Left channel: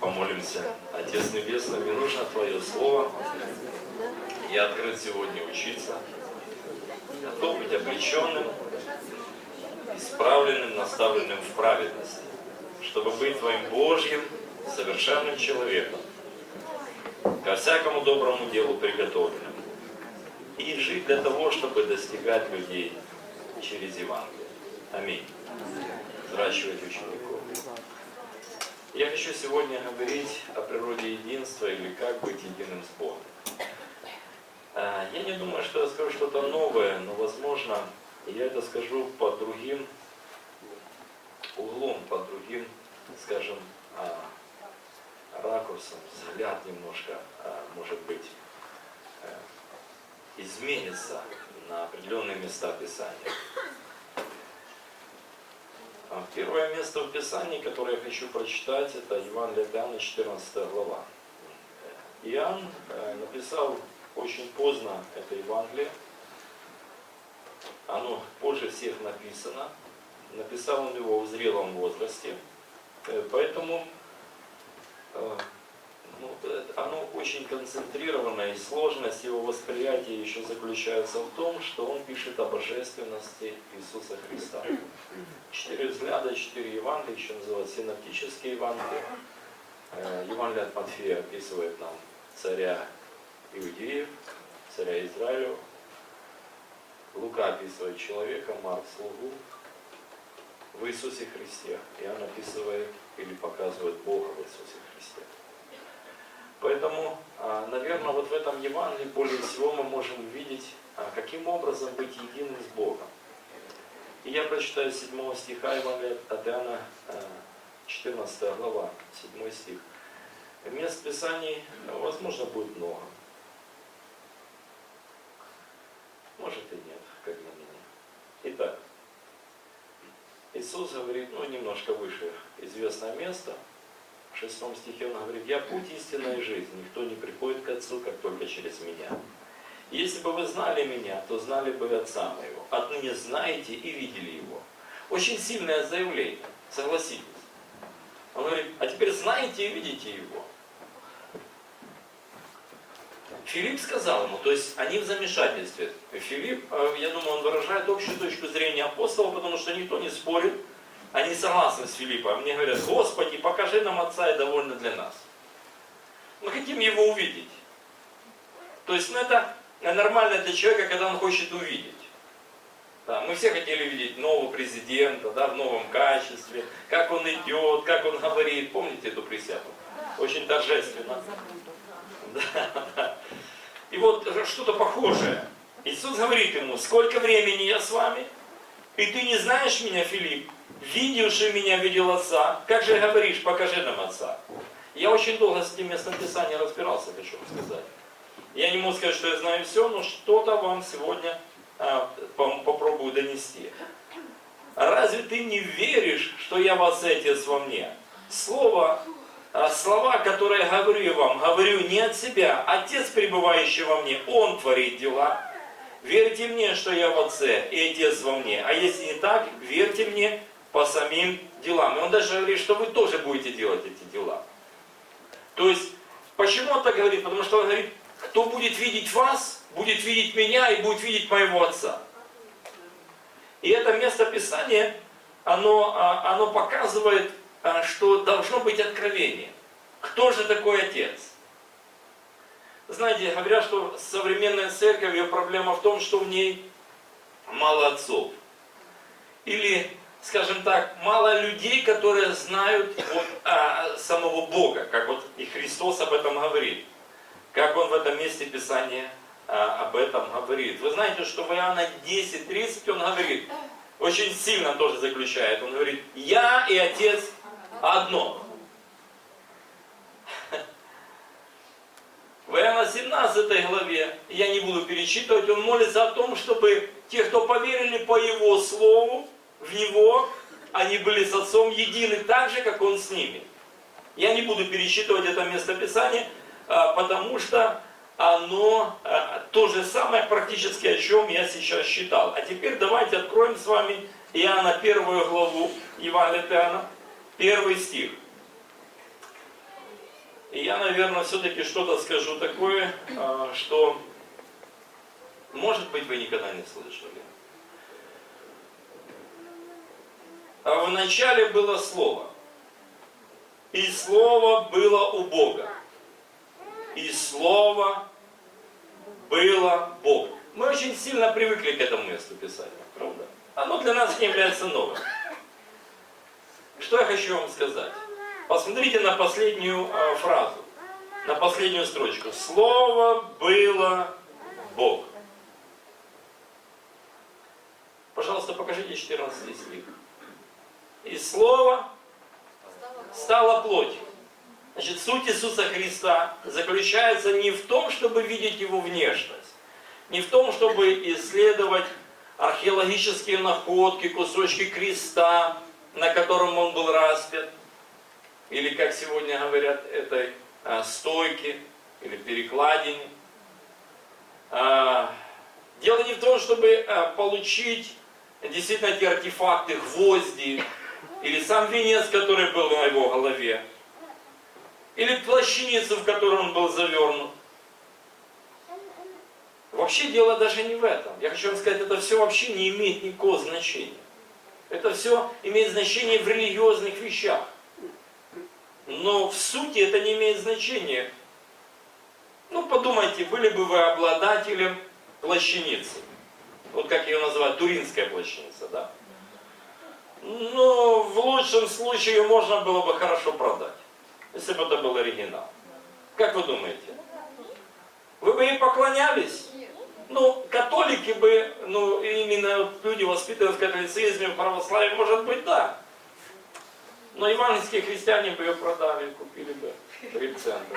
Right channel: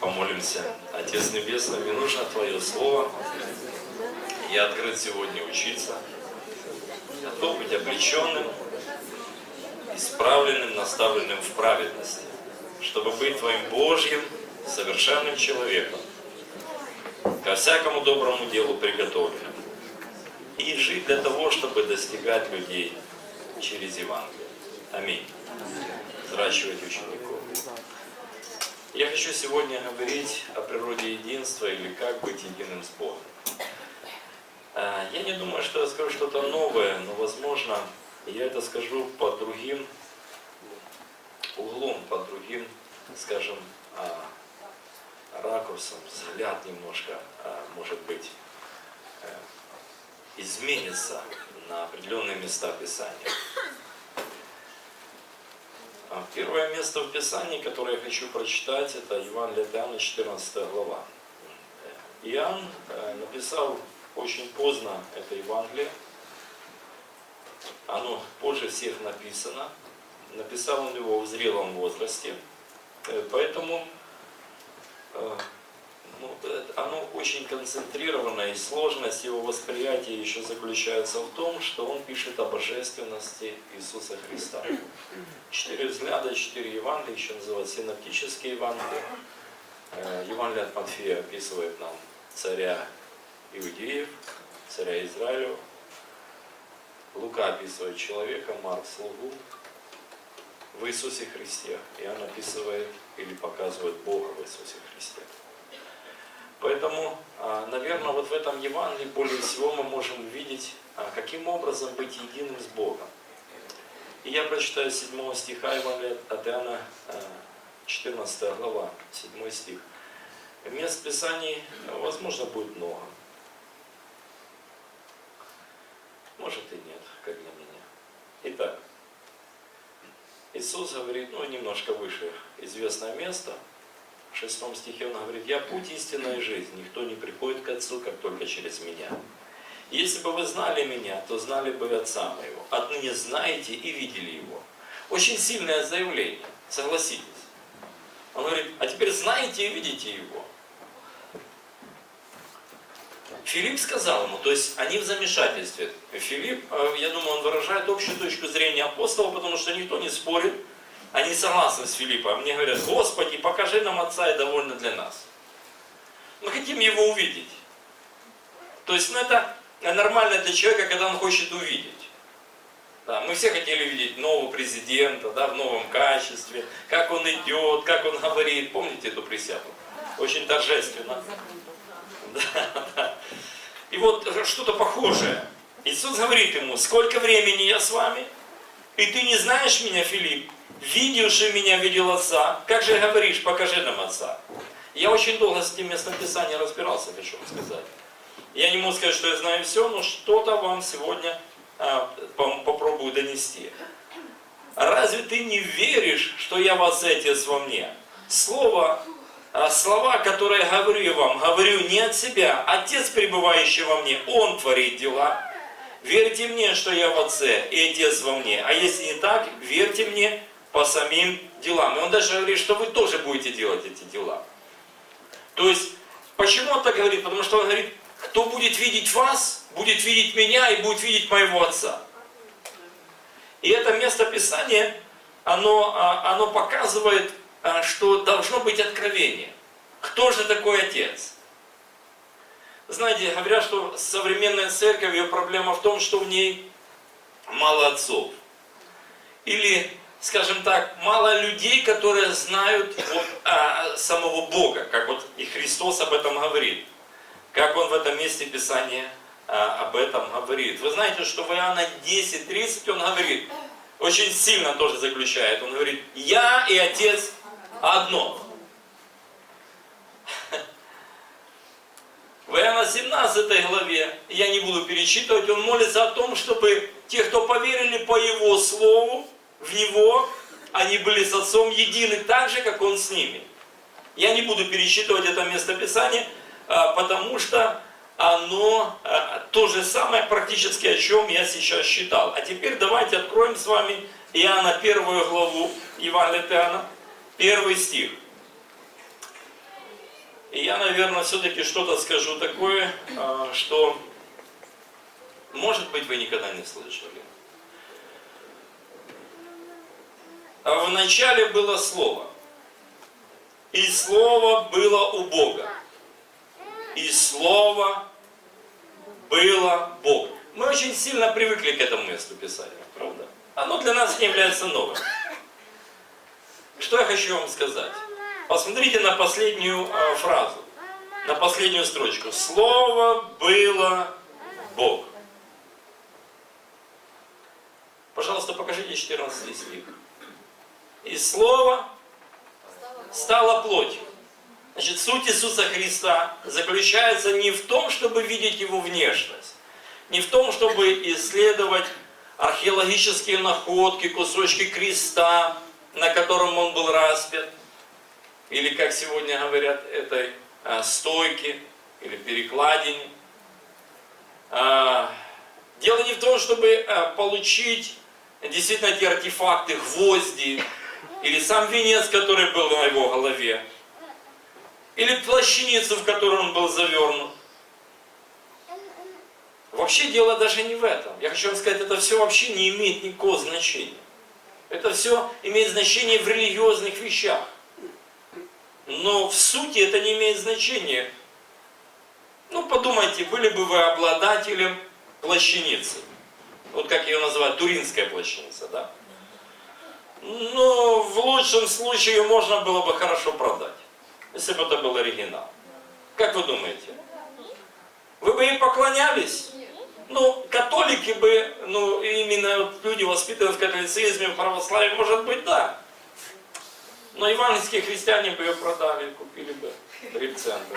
Помолимся. Отец Небесный, мне нужно Твое Слово. Я открыт сегодня учиться. Готов быть облеченным, исправленным, наставленным в праведности, чтобы быть Твоим Божьим, совершенным человеком, ко всякому доброму делу приготовленным, и жить для того, чтобы достигать людей через Евангелие. Аминь. Взращивать учеников. Я хочу сегодня говорить о природе единства или как быть единым с Богом. Я не думаю, что я скажу что-то новое, но, возможно, я это скажу под другим углом, под другим, скажем, ракурсом, взгляд немножко, может быть, изменится на определенные места Писания. Первое место в Писании, которое я хочу прочитать, это Евангелие от Иоанна, 14 глава. Иоанн написал очень поздно это Евангелие. Оно позже всех написано. Написал он его в зрелом возрасте. Поэтому оно очень концентрировано, и сложность его восприятия еще заключается в том, что он пишет о божественности Иисуса Христа. 4 взгляда, 4 Евангелия, еще называют синоптические Евангелия. Евангелие от Матфея описывает нам царя Иудеев, царя Израилева. Лука описывает человека, Марк слугу в Иисусе Христе. Иоанн описывает или показывает Бога в Иисусе Христе. Поэтому, наверное, вот в этом Евангелии более всего мы можем увидеть, каким образом быть единым с Богом. И я прочитаю 7 стиха Евангелия от Иоанна, 14 глава, 7 стих. Мест Писаний, возможно, будет много. Может и нет, как для меня. Итак, Иисус говорит, немножко выше известное место. В 6 стихе он говорит: «Я путь, истинная и жизнь, никто не приходит к Отцу, как только через Меня. Если бы вы знали Меня, то знали бы Отца Моего. Отныне знаете и видели Его». Очень сильное заявление, согласитесь. Он говорит: а теперь знаете и видите Его. Филипп сказал ему, то есть они в замешательстве. Филипп, я думаю, он выражает общую точку зрения апостола, потому что никто не спорит. Они согласны с Филиппом. Мне говорят: Господи, покажи нам Отца, и довольно для нас. Мы хотим Его увидеть. То есть, это нормально для человека, когда он хочет увидеть. Да, мы все хотели видеть нового президента, в новом качестве, как он идет, как он говорит. Помните эту присягу? Очень торжественно. Да. И вот что-то похожее. Иисус говорит ему: сколько времени я с вами, и ты не знаешь меня, Филипп? Видевший меня видел Отца. Как же говоришь, покажи нам Отца? Я очень долго с этим местом Писания разбирался, хочу вам сказать. Я не могу сказать, что я знаю все, но что-то вам сегодня попробую донести. Разве ты не веришь, что я в Отце, Отец во мне? Слова, которые говорю я вам, говорю не от себя. Отец, пребывающий во мне, Он творит дела. Верьте мне, что я в Отце, и Отец во мне. А если не так, верьте мне по самим делам. И он даже говорит, что вы тоже будете делать эти дела. То есть, почему он так говорит? Потому что он говорит: кто будет видеть вас, будет видеть меня и будет видеть моего Отца. И это место Писания, оно показывает, что должно быть откровение. Кто же такой Отец? Знаете, говорят, что современная церковь, ее проблема в том, что в ней мало отцов. Или, скажем так, мало людей, которые знают самого Бога, как вот и Христос об этом говорит. Как Он в этом месте Писания об этом говорит. Вы знаете, что в Иоанна 10:30 Он говорит, очень сильно тоже заключает, Он говорит: «Я и Отец одно». В Иоанна 17 главе, я не буду перечитывать, он молится о том, чтобы те, кто поверили по Его Слову, в Него, они были с Отцом едины так же, как Он с ними. Я не буду перечитывать это место Писания, потому что оно то же самое практически, о чем я сейчас читал. А теперь давайте откроем с вами Иоанна 1 главу, Евангелие от Иоанна, 1 стих. И я, наверное, все-таки что-то скажу такое, что, может быть, вы никогда не слышали. А вначале было Слово, и Слово было у Бога, и Слово было Бог. Мы очень сильно привыкли к этому месту Писания, правда? Оно для нас не является новым. Что я хочу вам сказать? Посмотрите на последнюю фразу, на последнюю строчку. Слово было Бог. Пожалуйста, покажите 14 стих. И Слово стало плотью. Значит, суть Иисуса Христа заключается не в том, чтобы видеть Его внешность, не в том, чтобы исследовать археологические находки, кусочки креста, на котором Он был распят, или, как сегодня говорят, этой стойки или перекладине. Дело не в том, чтобы получить действительно эти артефакты, гвозди, или сам венец, который был на его голове, или плащаницу, в которую он был завернут. Вообще дело даже не в этом. Я хочу вам сказать, это все вообще не имеет никакого значения. Это все имеет значение в религиозных вещах. Но в сути это не имеет значения. Ну, подумайте, были бы вы обладателем плащаницы. Вот как ее называют, туринская плащаница, да? Но в лучшем случае ее можно было бы хорошо продать, если бы это был оригинал. Как вы думаете? Вы бы ей поклонялись? Ну, католики бы, ну, именно вот люди, воспитанные в католицизме, в православии, может быть, да. Но евангельские христиане бы ее продали, купили бы 3 цента.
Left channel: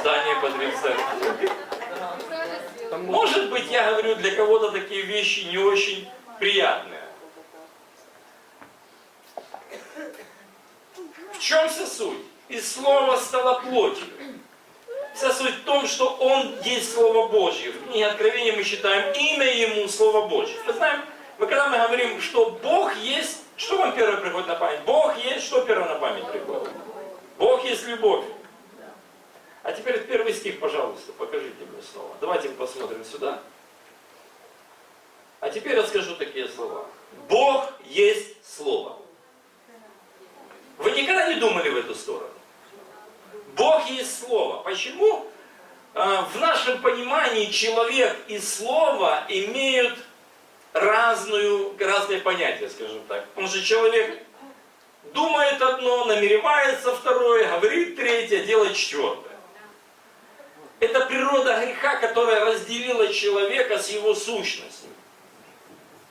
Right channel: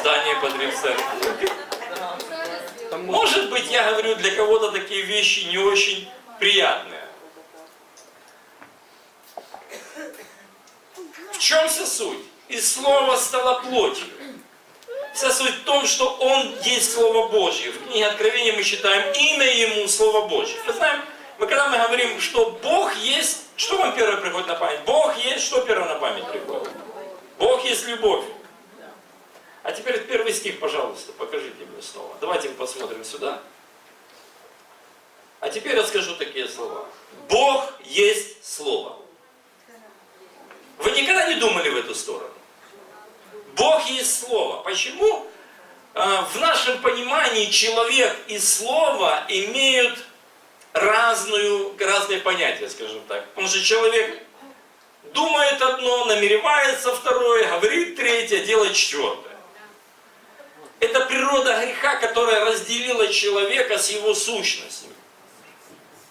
Здание по 3 цента. Может быть, я говорю, для кого-то такие вещи не очень приятные. В чем вся суть? И Слово стало плотью. Вся суть в том, что Он есть Слово Божье. В книге Откровения мы читаем имя Ему Слово Божье. Когда мы говорим, что Бог есть, что вам первое приходит на память? Бог есть, что первое на память приходит? Бог есть любовь. А теперь первый стих, пожалуйста, покажите мне снова. Давайте мы посмотрим сюда. А теперь я скажу такие слова. Бог есть Слово. Вы никогда не думали в эту сторону? Бог есть Слово. Почему в нашем понимании человек и Слово имеют разные понятия, скажем так? Потому что человек думает одно, намеревается второе, говорит третье, делает четвертое. Это природа греха, которая разделила человека с его сущностью.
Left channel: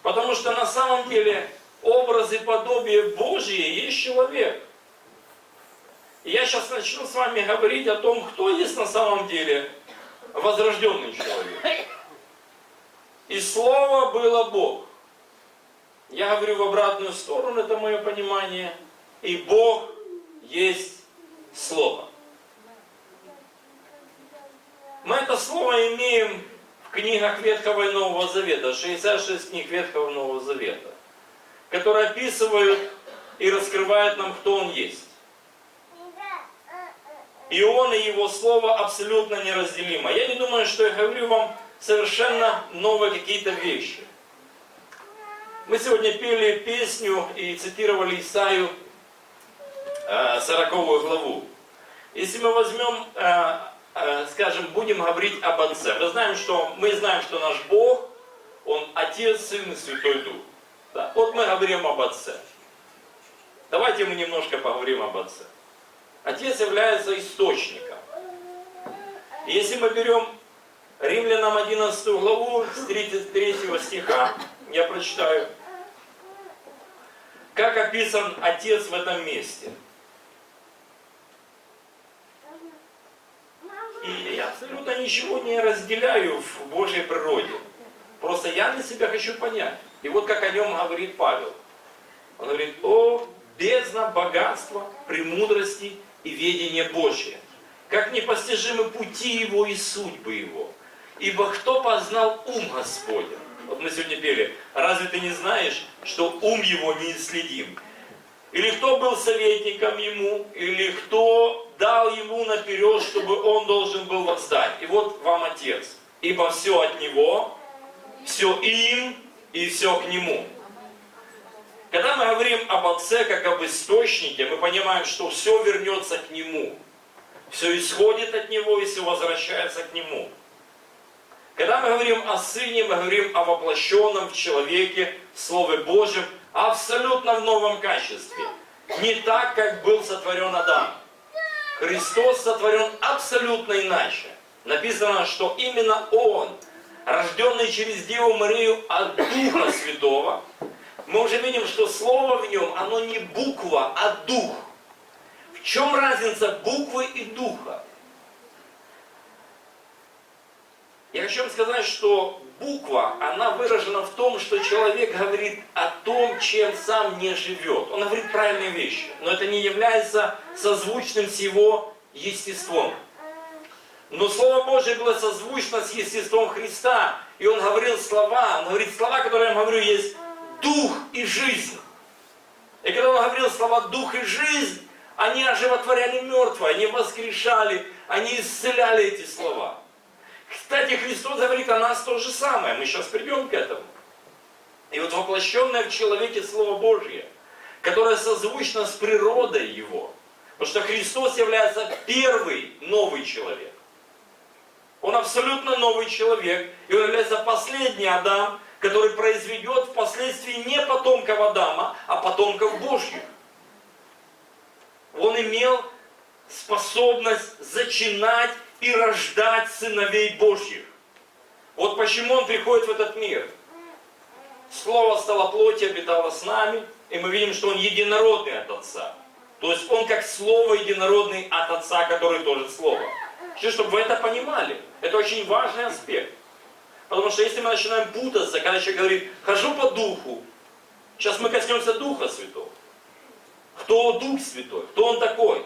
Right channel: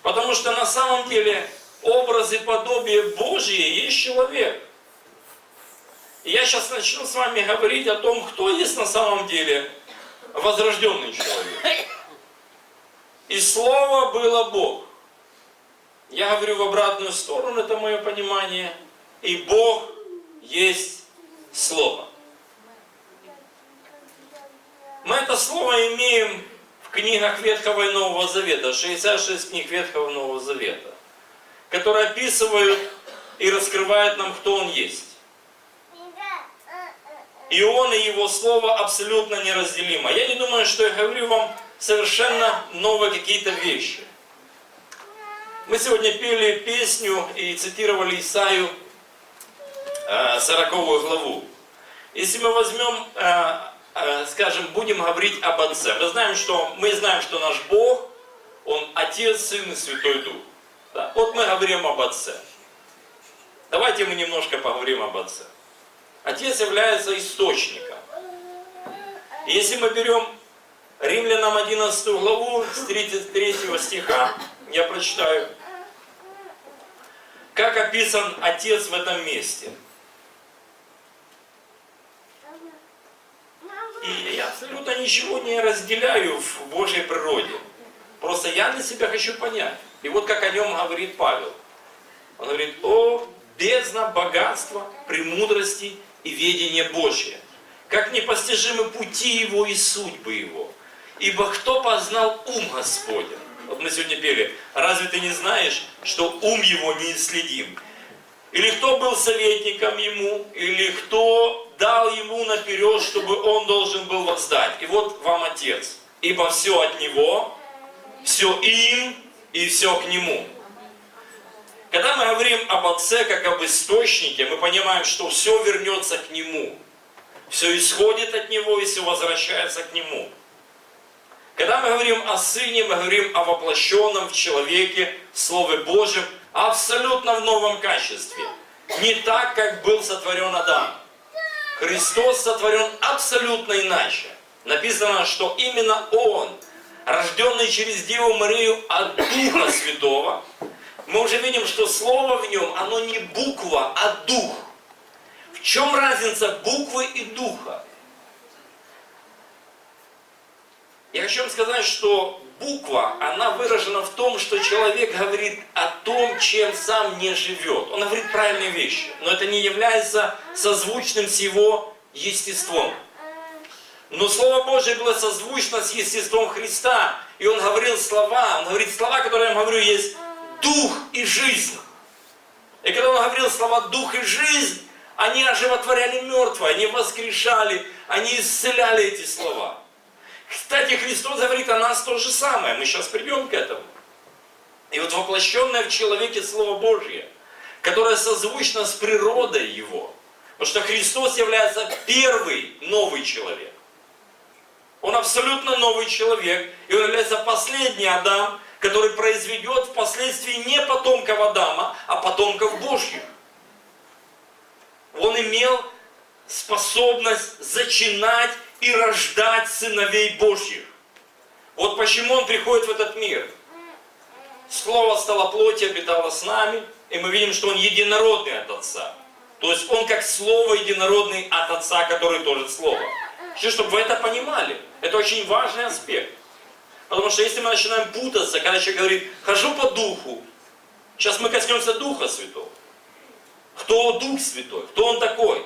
Потому что на самом деле образ и подобие Божие есть человек. И я сейчас начну с вами говорить о том, кто есть на самом деле возрожденный человек. И Слово было Бог. Я говорю в обратную сторону, это мое понимание. И Бог есть Слово. Мы это слово имеем в книгах Ветхого и Нового Завета, 66 книг Ветхого и Нового Завета, которые описывают и раскрывают нам, кто Он есть. И Он и Его Слово абсолютно неразделимо. Я не думаю, что я говорю вам совершенно новые какие-то вещи. Мы сегодня пели песню и цитировали Исаию 40 главу. Если мы возьмем, скажем, будем говорить об Отце. Мы знаем, что наш Бог, Он Отец, Сын и Святой Дух. Да? Вот мы говорим об Отце. Давайте мы немножко поговорим об Отце. Отец является источником. И если мы берем Римлянам 11 главу с 33 стиха, я прочитаю, как описан Отец в этом месте. И я абсолютно ничего не разделяю в Божьей природе. Просто я для себя хочу понять. И вот как о нем говорит Павел. Он говорит: о, бездна богатства, премудрости и ведения Божия, как непостижимы пути Его и судьбы Его. Ибо кто познал ум Господень? Вот мы сегодня пели: разве ты не знаешь, что ум Его неисследим? или кто был советником ему, или кто дал ему наперед, чтобы он должен был воздать. И вот вам Отец. Ибо все от Него, все им и все к Нему. Когда мы говорим об Отце как об источнике, мы понимаем, что все вернется к Нему. Все исходит от Него и все возвращается к Нему. Когда мы говорим о Сыне, мы говорим о воплощенном в человеке Слове Божьем, абсолютно в новом качестве. Не так, как был сотворен Адам. Христос сотворен абсолютно иначе. Написано, что именно Он, рожденный через Деву Марию от Духа Святого, мы уже видим, что Слово в Нем, оно не буква, а Дух. В чем разница буквы и Духа? Я хочу вам сказать, что буква, она выражена в том, что человек говорит о том, чем сам не живет. Он говорит правильные вещи, но это не является созвучным с его естеством. Но Слово Божие было созвучно с естеством Христа, и Он говорил слова, Он говорит слова, которые я вам говорю, есть дух и жизнь. И когда Он говорил слова дух и жизнь, они оживотворяли мертвое, они воскрешали, они исцеляли эти слова. Кстати, Христос говорит о нас то же самое. Мы сейчас придем к этому. И вот воплощенное в человеке Слово Божье, которое созвучно с природой Его. Потому что Христос является первый новый человек. Он абсолютно новый человек. И Он является последний Адам, который произведет впоследствии не потомков Адама, а потомков Божьих. Он имел способность зачинать и рождать сыновей Божьих. Вот почему Он приходит в этот мир. Слово стало плотью, обитало с нами, и мы видим, что Он единородный от Отца. То есть Он как Слово единородный от Отца, который тоже Слово. Чтобы вы это понимали. Это очень важный аспект. Потому что если мы начинаем путаться, когда человек говорит, хожу по Духу, сейчас мы коснемся Духа Святого. Кто Дух Святой? Кто Он такой?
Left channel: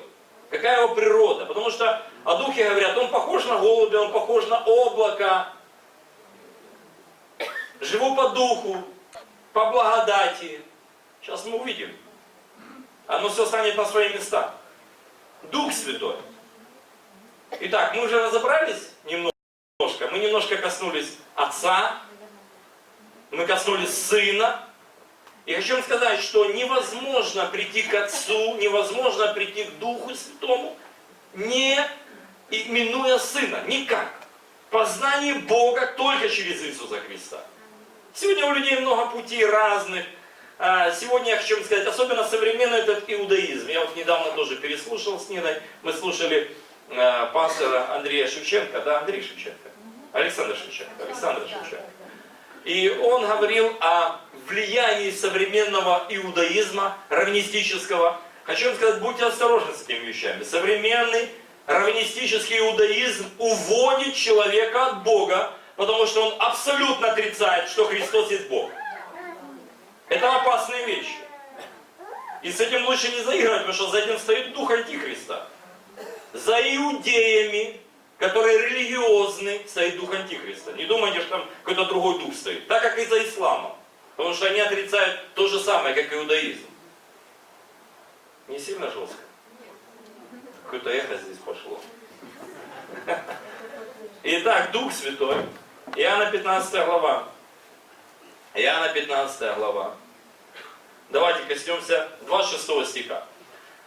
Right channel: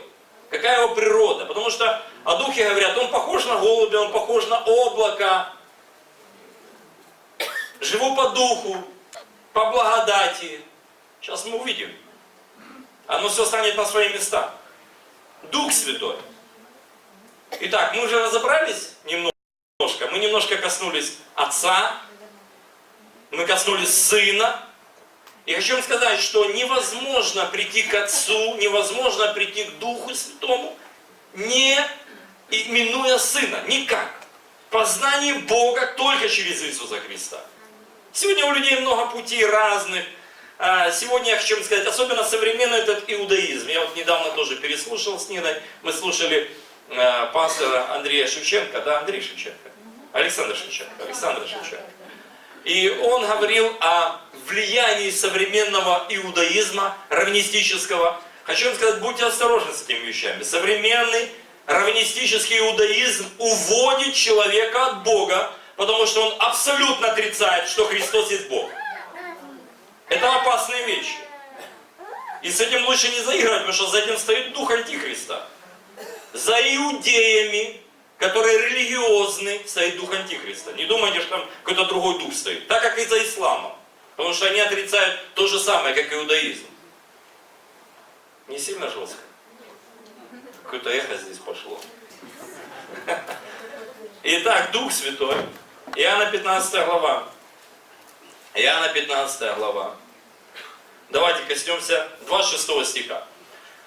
Какая его природа? Потому что о Духе говорят, он похож на голубя, он похож на облако. Живу по Духу, по благодати. Сейчас мы увидим. Оно все станет на свои места. Дух Святой. Итак, мы уже разобрались немножко. Мы немножко коснулись Отца. Мы коснулись Сына. И хочу вам сказать, что невозможно прийти к Отцу, невозможно прийти к Духу Святому, не именуя Сына. Никак. Познание Бога только через Иисуса Христа. Сегодня у людей много путей разных. Сегодня я хочу вам сказать, особенно современный этот иудаизм. Я вот недавно тоже переслушал с Ниной. Мы слушали пастора Андрея Шевченко. Да, Андрей Шевченко. Александр Шевченко. И он говорил о влиянии современного иудаизма, раввинистического. Хочу вам сказать, будьте осторожны с этими вещами. Современный раввинистический иудаизм уводит человека от Бога, потому что он абсолютно отрицает, что Христос есть Бог. Это опасные вещи. И с этим лучше не заигрывать, потому что за этим стоит дух Антихриста. За иудеями, которые религиозны, стоит дух Антихриста. Не думайте, что там какой-то другой дух стоит. Так как и за исламом. Потому что они отрицают то же самое, как иудаизм. Не сильно жестко? Какое-то эхо здесь пошло. Итак, Дух Святой. Иоанна 15 глава. Иоанна 15 глава. Давайте коснемся 26 стиха.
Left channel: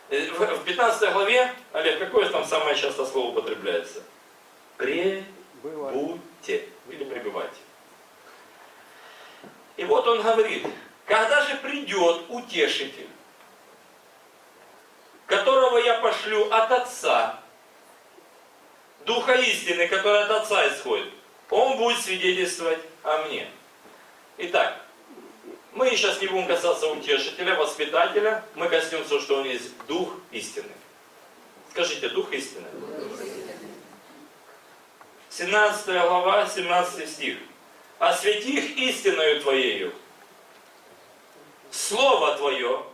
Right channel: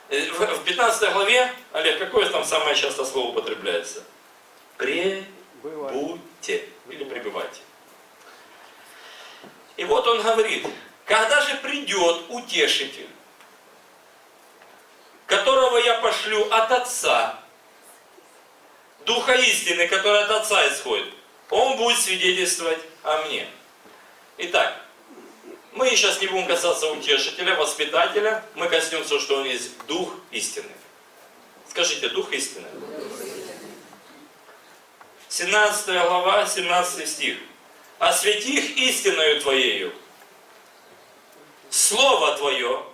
В 15 главе, Олег, какое там самое часто слово употребляется? Пребудьте или пребывайте. И вот он говорит, когда же придет утешитель, которого я пошлю от Отца, Духа истины, который от Отца исходит, он будет свидетельствовать о мне. Итак, мы сейчас не будем касаться утешителя, воспитателя, мы коснемся, что он есть Дух истины. Скажите, Дух истины. 17 глава, 17 стих. «Освети их истиною Твоею. Слово Твое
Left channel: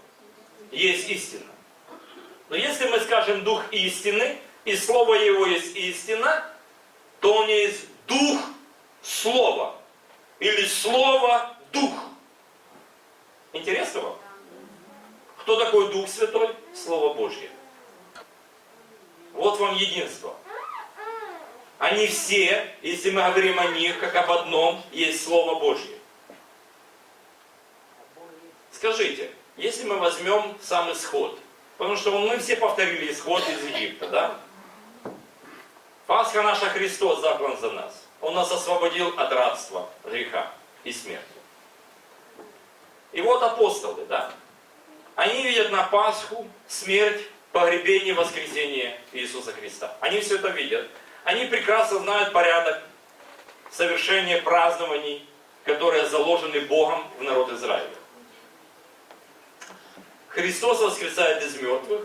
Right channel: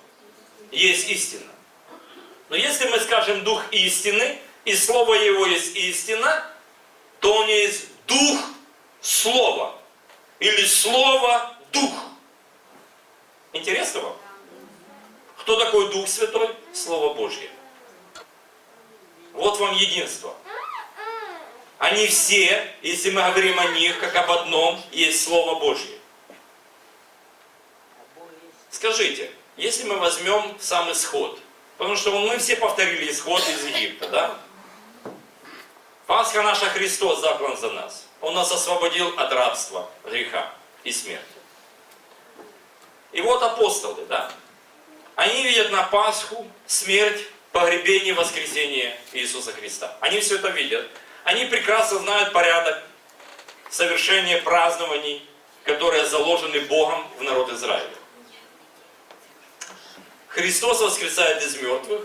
есть истина». Но если мы скажем Дух истины, и Слово Его есть истина, то Он есть Дух Слова. Или Слово Дух. Интересно вам? Кто такой Дух Святой? Слово Божье. Вот вам единство. Они все, если мы говорим о них, как об одном, есть Слово Божье. Скажите, если мы возьмем сам исход, потому что мы все повторили исход из Египта, да? Пасха наша, Христос заклан за нас. Он нас освободил от рабства, греха и смерти. И вот апостолы, да? Они видят на Пасху смерть, погребение, воскресение Иисуса Христа. Они все это видят. Они прекрасно знают порядок совершения празднований, которые заложены Богом в народ Израиля. Христос воскресает из мертвых,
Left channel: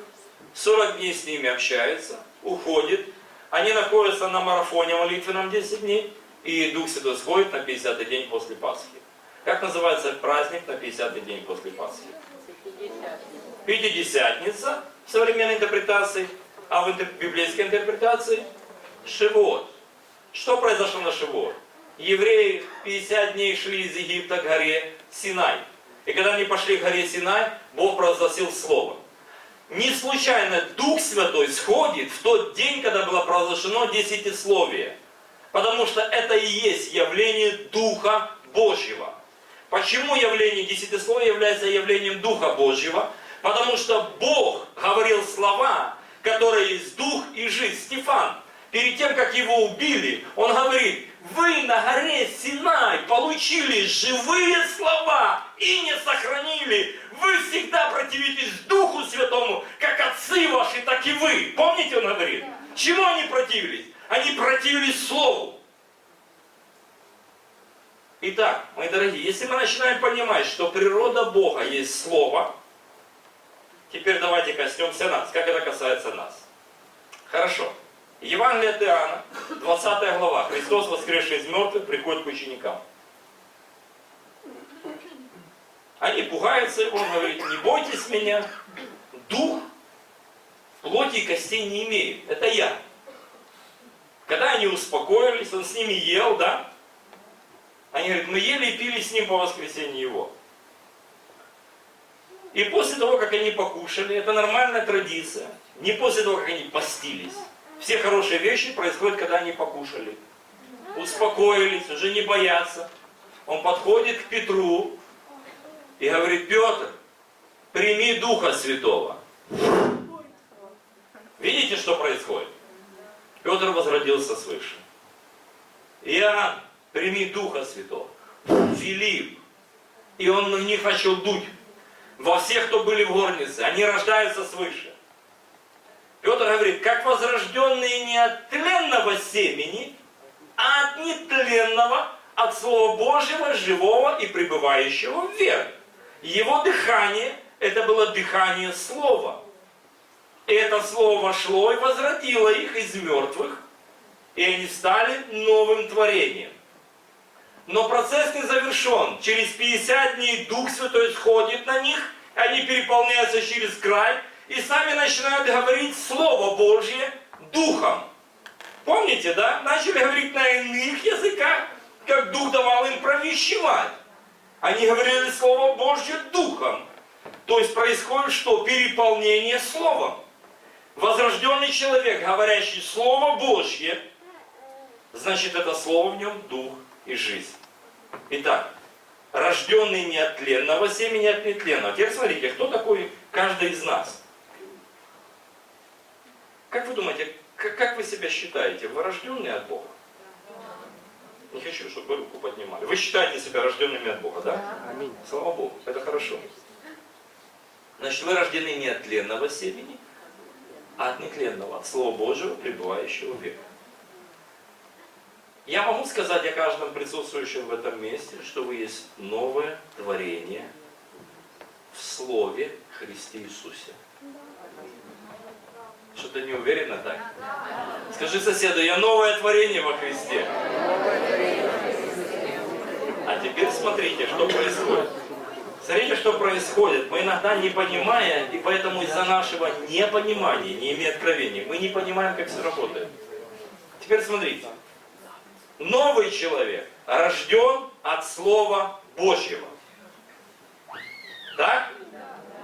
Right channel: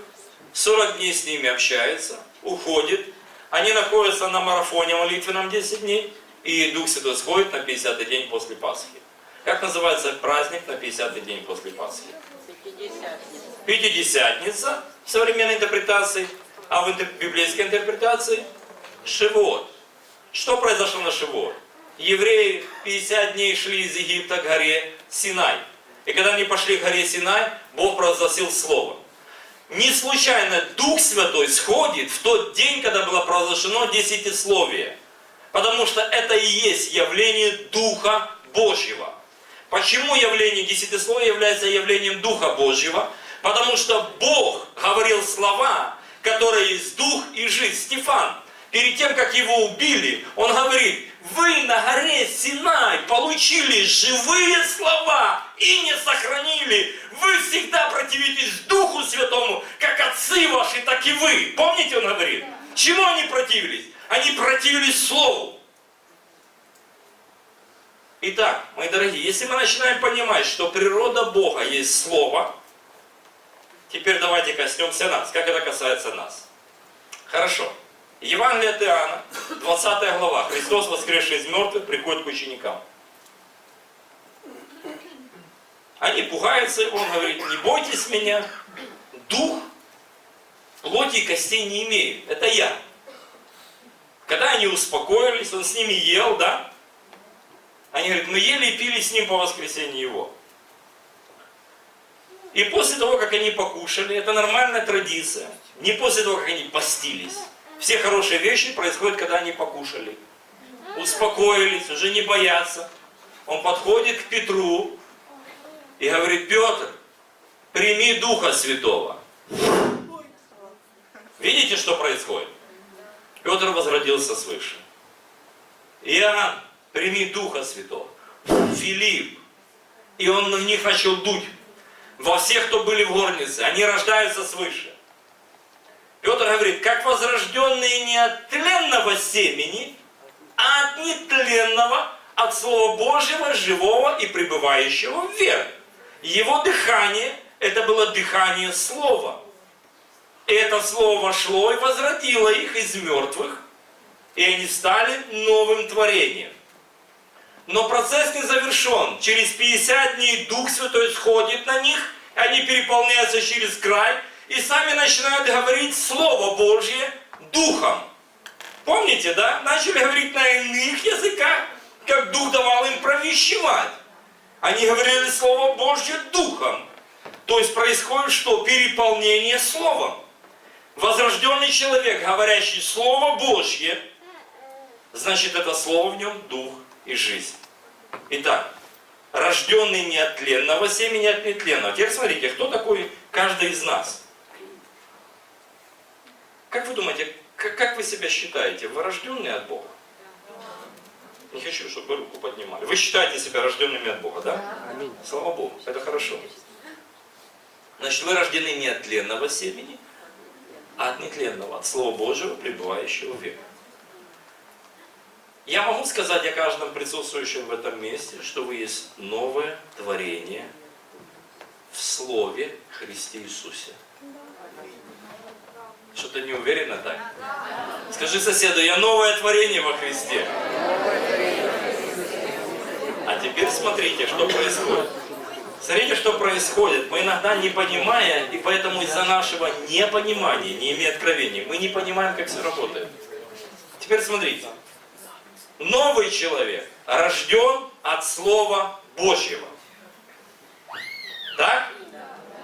40 дней с ними общается, уходит. Они находятся на марафоне молитвенном 10 дней, и Дух Святой сходит на 50-й день после Пасхи. Как называется праздник на 50-й день после Пасхи? Пятидесятница в современной интерпретации, а в библейской интерпретации Шивот. Что произошло на Шивот? Евреи 50 дней шли из Египта к горе Синай. И когда они пошли к горе Синай, Бог провозгласил Слово. Не случайно Дух Святой сходит в тот день, когда было провозглашено десятисловие. Потому что это и есть явление Духа Божьего. Почему явление десятисловия является явлением Духа Божьего? Потому что Бог говорил слова, которые есть Дух и жизнь. Стефан, перед тем, как его убили, он говорит: вы на горе Синай получили живые слова и не сохранили. Вы всегда противитесь Духу Святому, как отцы ваши, так и вы. Помните, он говорит? Чему они противились? Они противились Слову. Итак, мои дорогие, если мы начинаем понимать, что природа Бога есть Слово, теперь давайте коснемся нас. Как это касается нас? Хорошо. Евангелие от Иоанна, 20 глава. Христос, воскресший из мертвых, приходит к ученикам. Они пугаются его, он говорит: не бойтесь меня, дух плоти и костей не имеет. Это я. Когда они успокоились, он с ними ел, да? Они говорят: мы ели и пили с ним по воскресенье его. И после того, как они покушали, это нормальная традиция, не после того, как они постились. Все хорошие вещи происходят, когда они покушали. Успокоились, уже не боятся. Он подходит к Петру и говорит: Петр, прими Духа Святого. Видите, что происходит? Петр возродился свыше. Иоанн, прими Духа Святого. Филипп. И он на них начал дуть. Во всех, кто были в горнице, они рождаются свыше. Петр говорит: как возрожденные не от тленного семени, а от нетленного, от Слова Божьего, живого и пребывающего в вере. Его дыхание, это было дыхание Слова. И это Слово вошло и возродило их из мертвых, и они стали новым творением. Но процесс не завершен. Через 50 дней Дух Святой сходит на них, они переполняются через край, и сами начинают говорить Слово Божье Духом. Помните, да? Начали говорить на иных языках, как Дух давал им провещевать. Они говорили Слово Божье Духом. То есть происходит что? Переполнение Словом. Возрожденный человек, говорящий Слово Божье, значит, это Слово в нем Дух и жизнь. Итак, рожденный не от тленного семени, а от нетленного. Теперь смотрите, кто такой каждый из нас? Как вы думаете, как вы себя считаете? Вы рожденные от Бога? Не хочу, чтобы вы руку поднимали. Вы считаете себя рожденными от Бога, да? Аминь. Слава Богу, это хорошо. Значит, вы рождены не от тленного семени, а от нетленного, от Слова Божьего, пребывающего в веку. Я могу сказать о каждом присутствующем в этом месте, что вы есть новое творение в Слове Христе Иисусе. Что-то не уверенно, так? Скажи соседу: я новое творение во Христе. А теперь смотрите, что происходит. Смотрите, что происходит. Мы иногда не понимаем, и поэтому из-за нашего непонимания, не имея откровения, мы не понимаем, как все работает. Теперь смотрите. Новый человек рожден от Слова Божьего. Так?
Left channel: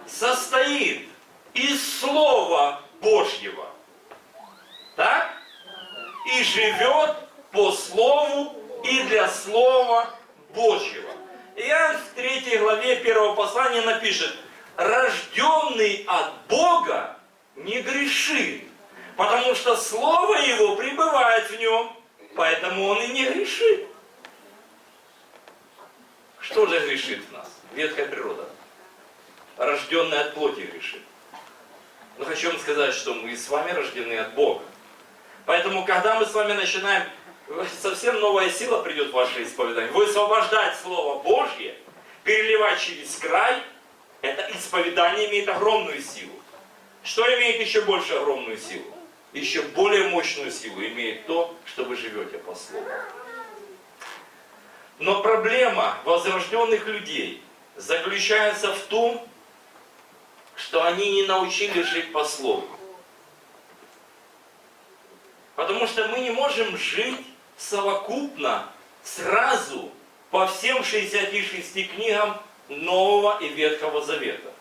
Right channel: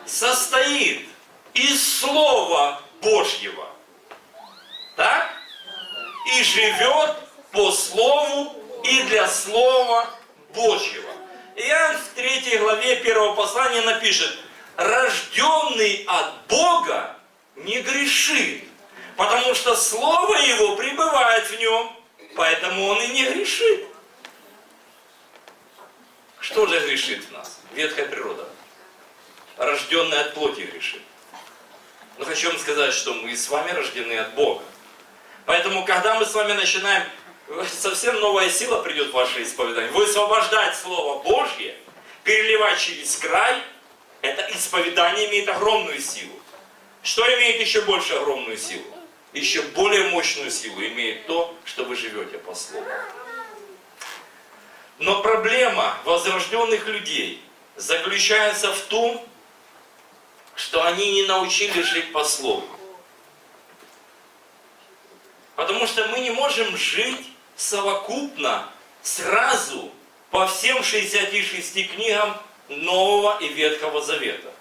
состоит из Слова Божьего. Так? И живет по Слову и для Слова Божьего. Иоанн в 3 главе 1 послания напишет: рожденный от Бога не грешит, потому что Слово Его пребывает в нем, поэтому он и не грешит. Что же грешит в нас? Ветхая природа. Рожденный от плоти грешит. Но хочу вам сказать, что мы с вами рождены от Бога. Поэтому, когда мы с вами начинаем, совсем новая сила придет в ваше исповедание. Высвобождать Слово Божье, переливать через край, это исповедание имеет огромную силу. Что имеет еще больше огромную силу? Еще более мощную силу имеет то, что вы живете по Слову. Но проблема возрожденных людей заключается в том, что они не научились жить по Слову. Потому что мы не можем жить совокупно, сразу, по всем 66 книгам Нового и Ветхого Завета.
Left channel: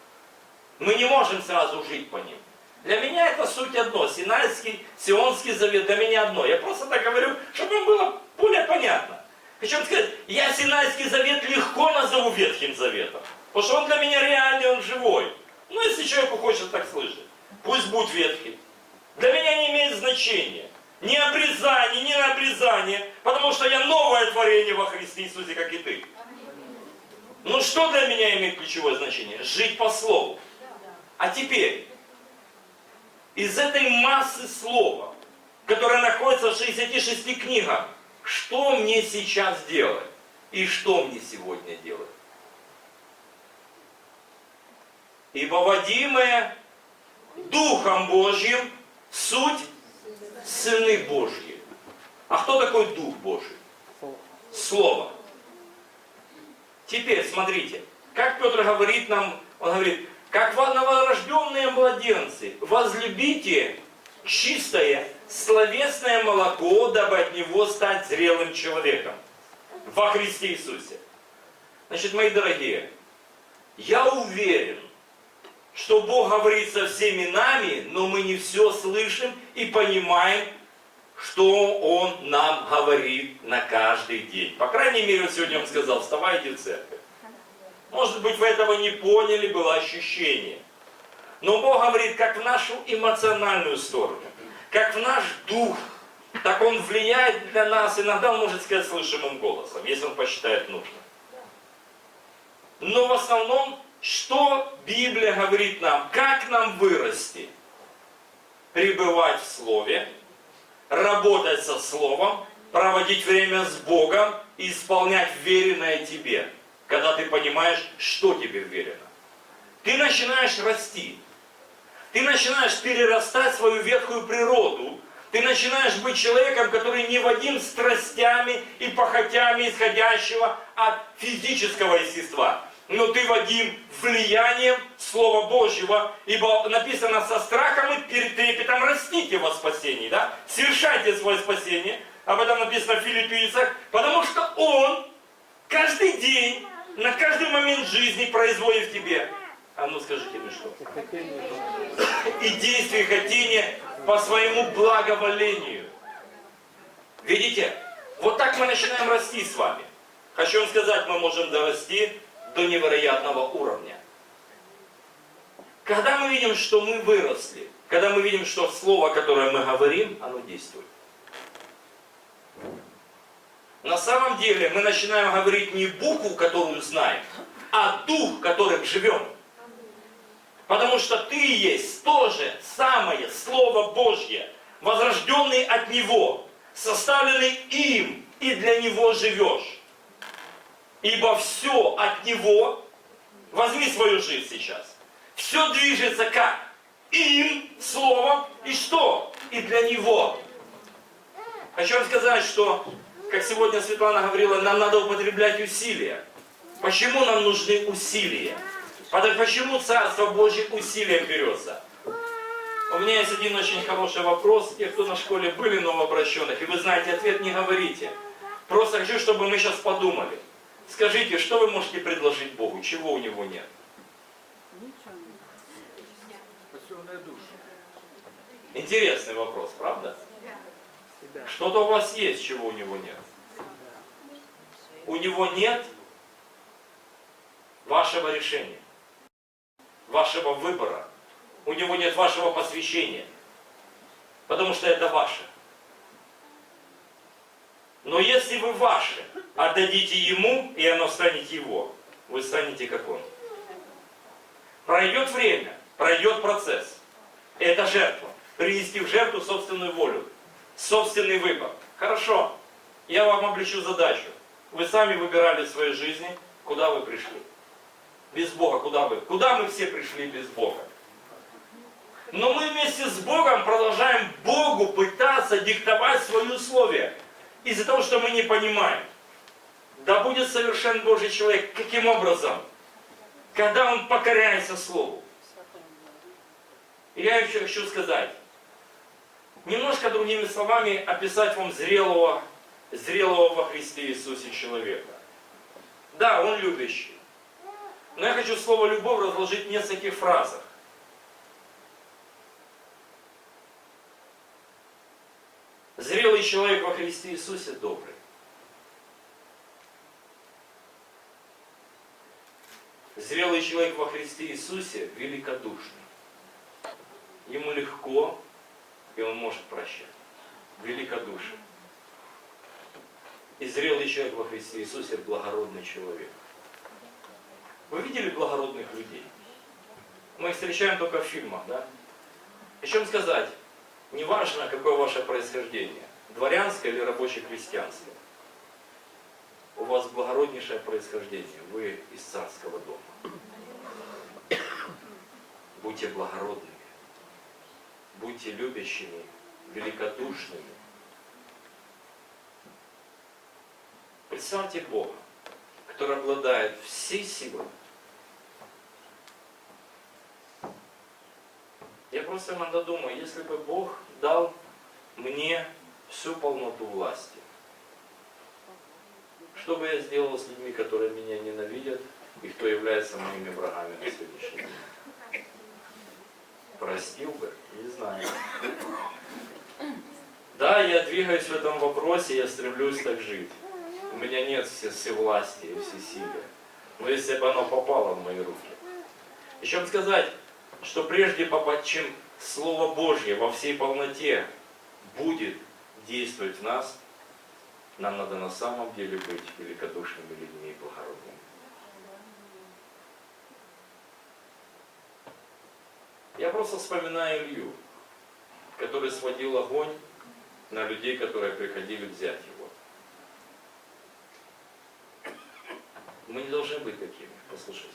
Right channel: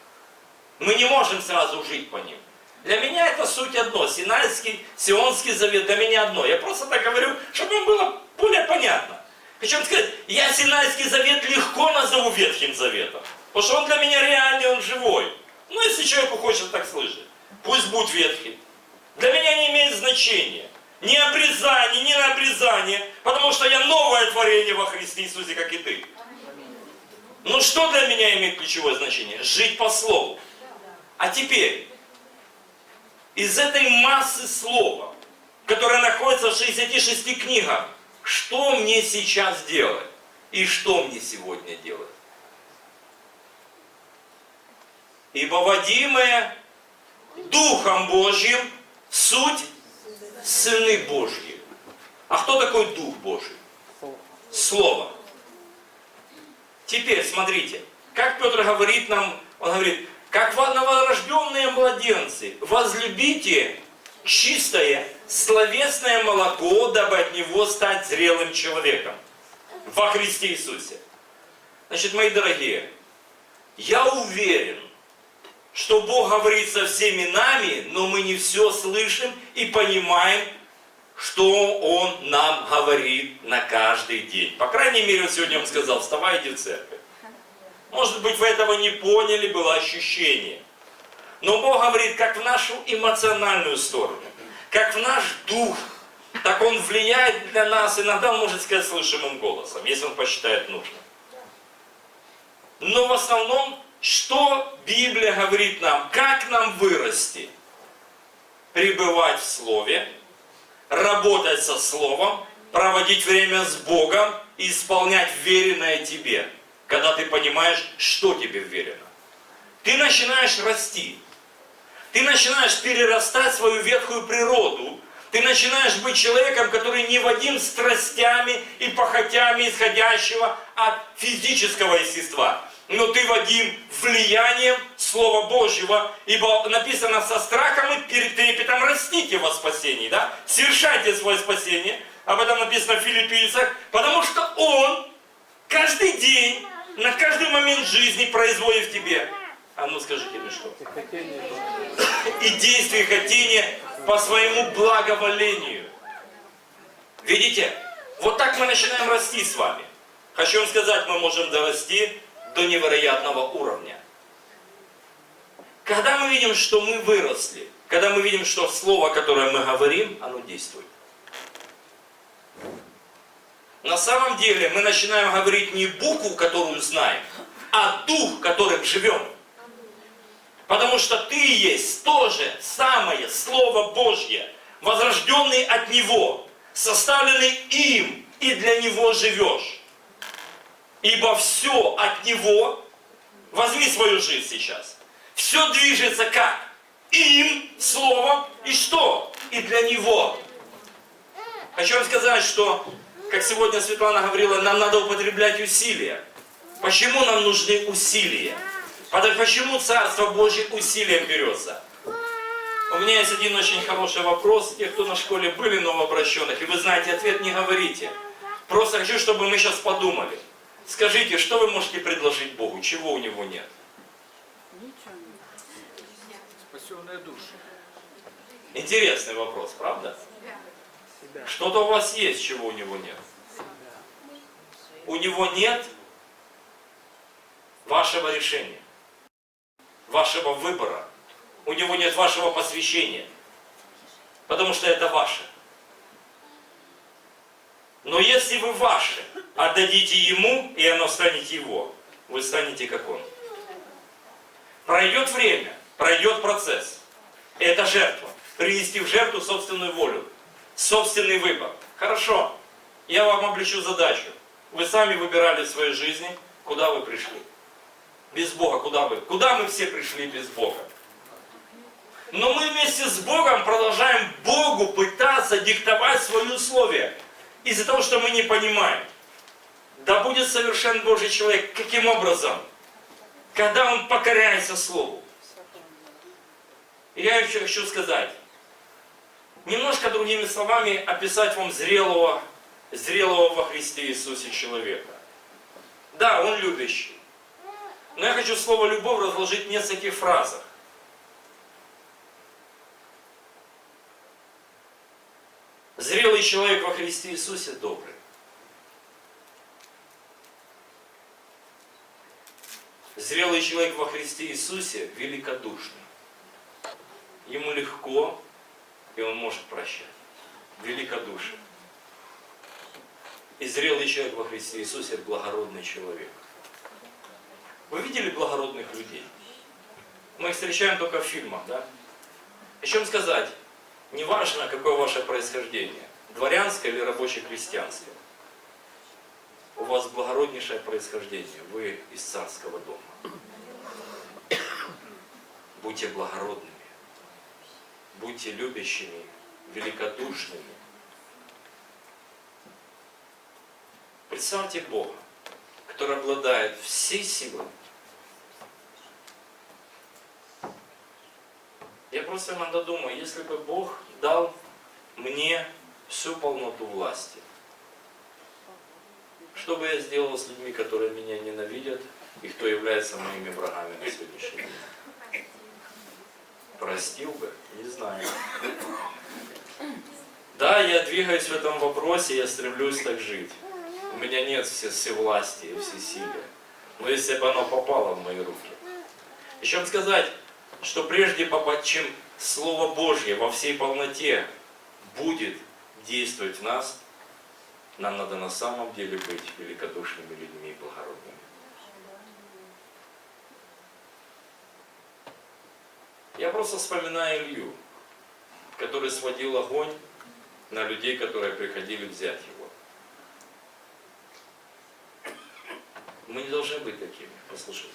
Мы не можем сразу жить по ним. Для меня это суть одно. Синайский, Сионский Завет для меня одно. Я просто так говорю, чтобы вам было более понятно. Хочу вам сказать, я Синайский Завет легко назову Ветхим Заветом. Потому что он для меня реальный, он живой. Ну, если человеку хочется так слышать, пусть будет ветхий. Для меня не имеет значения. Ни обрезание, ни на обрезание, потому что я новое творение во Христе Иисусе, как и ты. Ну что для меня имеет ключевое значение? Жить по Слову. А теперь, из этой массы Слова, которая находится в 66 книгах, что мне сейчас делать? И что мне сегодня делать? Ибо водимые Духом Божьим суть сыны Божьи. А кто такой Дух Божий? Слово. Теперь смотрите, как Петр говорит нам, он говорит: как новорожденные младенцы, возлюбите чистое, словесное молоко, дабы от него стать зрелым человеком во Христе Иисусе. Значит, мои дорогие, я уверен, что Бог говорит со всеми нами, но мы не все слышим и понимаем, что Он нам говорит на каждый день. По крайней мере, вот сегодня Он сказал: вставайте в церковь. Может быть, вы этого не поняли, было ощущение. Но Бог говорит как в нашу эмоциональную сторону, как в наш дух. Так Он влияет на нас, иногда Он может сказать слышимым голосом, если Он посчитает нужным. Но в основном, что Библия говорит нам? Как нам вырасти? Пребывать в Слове, работать со Словом, проводить время с Богом и исполнять веренное тебе, когда ты понимаешь, что тебе верено. Ты начинаешь расти. Ты начинаешь перерастать свою ветхую природу. Ты начинаешь быть человеком, который не водим страстями и похотями исходящего от физического естества. Но ты водим влиянием Слова Божьего, ибо написано: со страхом и перед трепетом растите во спасении, да? Совершайте свое спасение, об этом написано в Филиппийцах, потому что Он каждый день, на каждый момент жизни производит в тебе, а ну скажите мне что? И действие, и хотение по своему благоволению. Видите? Вот так мы начинаем расти с вами. Хочу вам сказать, мы можем дорасти до невероятного уровня. Когда мы видим, что мы выросли, когда мы видим, что слово, которое мы говорим, оно действует. На самом деле мы начинаем говорить не букву, которую знаем, а дух, которым живем. Потому что ты есть то же самое Слово Божье, возрожденный от Него, составленный им, и для Него живешь. Ибо все от Него, возьми свою жизнь сейчас, все движется как? Им, Словом, и что? И для Него. Хочу вам сказать, что, как сегодня Светлана говорила, нам надо употреблять усилия. Почему нам нужны усилия? Почему Царство Божье усилием берется? У меня есть один очень хороший вопрос. Те, кто на школе были новообращенных, и вы знаете ответ, не говорите. Просто хочу, чтобы мы сейчас подумали. Скажите, что вы можете предложить Богу, чего у Него нет? свободную душу. Интересный вопрос, правда? Себя. Что-то у вас есть, чего у него нет. У него нет вашего решения, вашего выбора. У него нет вашего посвящения. Потому что это ваше. Но если вы ваше отдадите ему, и оно станет его, вы станете как он. Пройдет время, пройдет процесс. Это жертва. Принести в жертву собственную волю, собственный выбор. Хорошо, я вам облегчу задачу. Вы сами выбирали в своей жизни, куда вы пришли. Без Бога куда вы? Куда мы все пришли без Бога? Но мы вместе с Богом продолжаем Богу пытаться диктовать свои условия. Из-за того, что мы не понимаем. Да будет совершен Божий человек. Каким образом? Когда он покоряется Слову. И я еще хочу сказать. Немножко другими словами описать вам зрелого во Христе Иисусе человека. Да, он любящий. Но я хочу слово «любовь» разложить в нескольких фразах. Зрелый человек во Христе Иисусе добрый. Зрелый человек во Христе Иисусе великодушный. Ему легко, и он может прощать. Великодушие. И зрелый человек во Христе Иисусе благородный человек. Вы видели благородных людей? Мы их встречаем только в фильмах, да? О чем сказать? Неважно, какое ваше происхождение, дворянское или рабоче-крестьянское. У вас благороднейшее происхождение, вы из царского дома. Будьте благородными, будьте любящими, великодушными. Представьте Бога, который обладает всей силой. Я просто иногда думаю, если бы Бог дал мне всю полноту власти, что бы я сделал с людьми, которые меня ненавидят, и кто является моими врагами на сегодняшний день? Простил бы? Не знаю. Да, я двигаюсь в этом вопросе, я стремлюсь так жить. У меня нет всевластия и всесилия. Но если бы оно попало в мои руки. Еще сказать, что прежде чем Слово Божье во всей полноте будет действовать в нас, нам надо на самом деле быть великодушными людьми и благородными. Я просто вспоминаю Илью, который сводил огонь на людей, которые приходили взять его. Мы не должны быть такими, послушайте.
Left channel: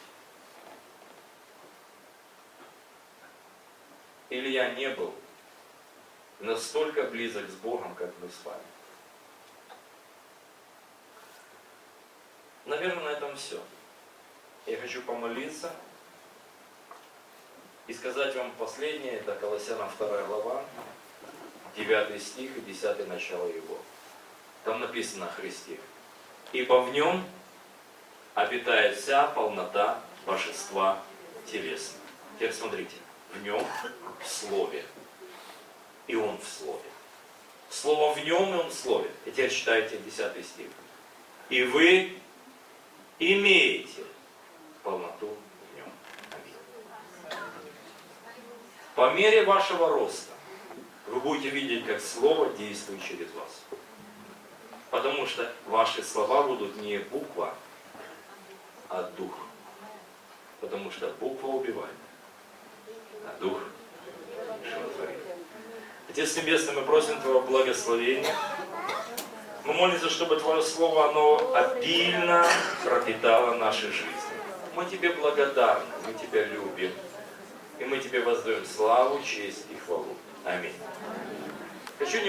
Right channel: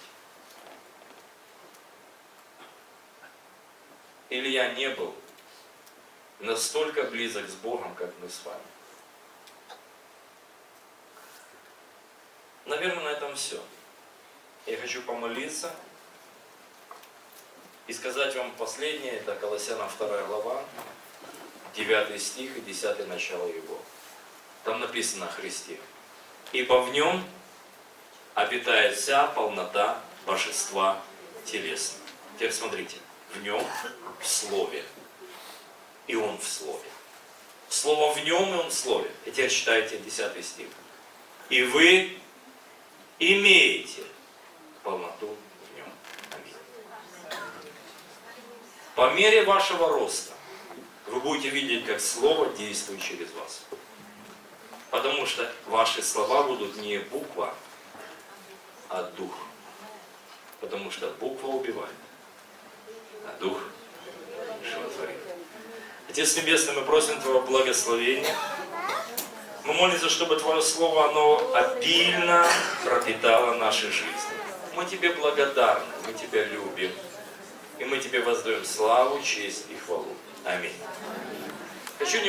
Илья не был настолько близок с Богом, как мы с вами. Наверное, на этом все. Я хочу помолиться и сказать вам последнее, это Колоссянам 2 глава, 9 стих и 10 начало его. Там написано о Христе. Ибо в нем обитает вся полнота божества телесного. Теперь смотрите, в нем, в Слове, и он в Слове. Слово в нем, и он в Слове. И теперь читайте 10 стих. И вы имеете полноту в нем. Аминь. По мере вашего роста вы будете видеть, как Слово действует через вас. Потому что ваши слова будут не буква, а дух. Потому что буква убивает, а дух животворит. Отец Небесный, мы просим Твоего благословения. Мы молимся, чтобы Твое Слово, оно обильно пропитало наши жизни. Мы Тебе благодарны, мы Тебя любим. И мы Тебе воздаем славу, честь и хвалу. Аминь. Хочу